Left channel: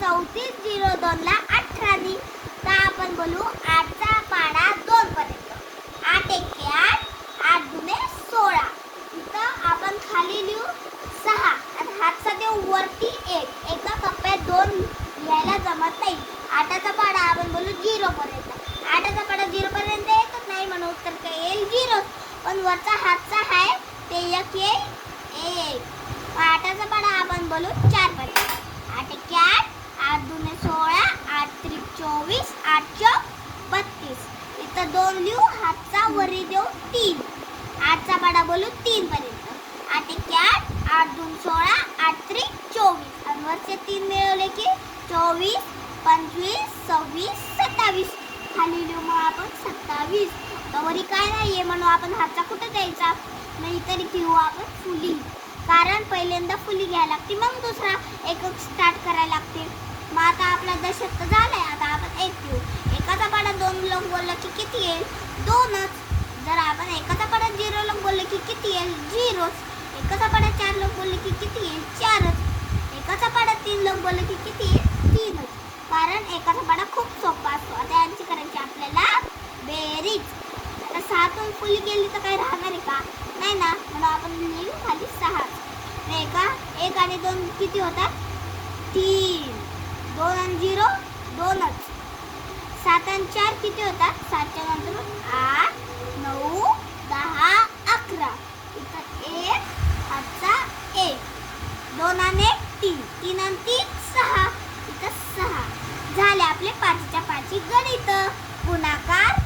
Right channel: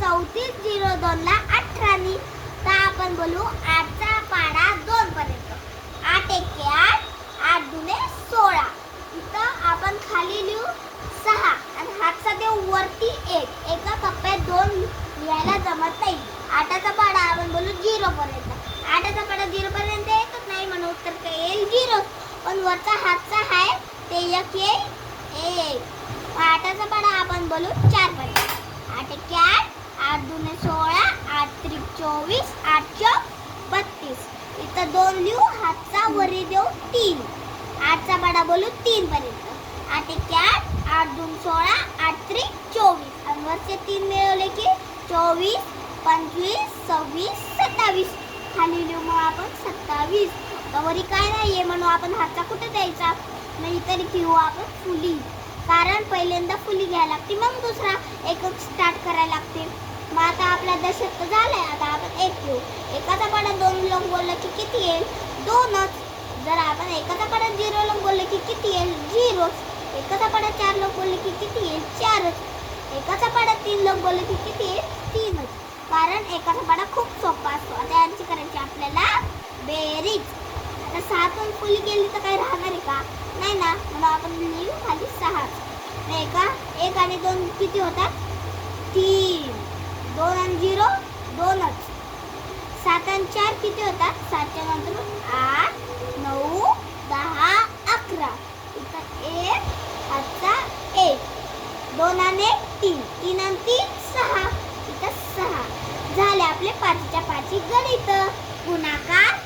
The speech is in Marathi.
34 0 2 ला 18 नी. तर आपण बोलू 8 चा पाढा 2 पर्यंत. 8 1 8, 8 2 16. इथं आपण खाली लिहू 6 आणि हातचा देऊ वरती 1. एका कप्प्यात 2 लिहायला जमत नाही. 8 चा पाढा आपण बोलू 0 पर्यंत. 8 चा पाढा 0 पर्यंत येतच नाही म्हणून उत्तर काय येईल 0. पण वरचा हातचा आहे ते एक येईल 1. 8 चा पाढा आपण बोलू 4 पर्यंत. 8 1 8, 8 2 16, 8 3 24, 8 4 32. इथं 2 लिहू हातचा वरी देऊ 3. 8 चा पाढा बोलू 3 पर्यंत. 8 1 8, 8 2 16, 8 3 24. आणि वरचे 3 मिळवले की 24 25 26 27. खाली लिहू मग आपण 27. आता वरी काय नाहीये म्हणून आपण हातचा कुठे द्यायचा. मग इतर घेऊ आपण फुली. कारण पहिल्यांदा फुली घ्यायला लागते मग दुसरा एक स्टार्ट करायला लागते. मग आता आपला दशक झालाय. आता आपण 1 घेऊ. एकाचा पाढा 2 लोक बोलला की किती येईल 2च. जर आपण एकाचा पाढा 0 लोक बोलले की किती येईल 0च. एकाचा पाढा 4 लोक बोलले की किती येईल 4च. एकाचा पाढा 3 लोक बोलले की किती येईल 3च. कारण एकाचा पाढा खूप सोपा असतो. आता यांची करायची आपल्याला बेरीज. आता 6 पण फुली केली तर काही राहणार आहे का नाही ना. म्हणून आपण लिहू खाली 6. एक आणि 2 किती होतात 3. 2 आणि 0 2च. 7 आणि 4 किती होतात 7 आणि 0 8 9 10 11. इथं 1 हातचा 1. 2 आणि 3, 3 आणि 3 6. इथं 6. झाले आपले 5च्या 5 गणित. गुणाकार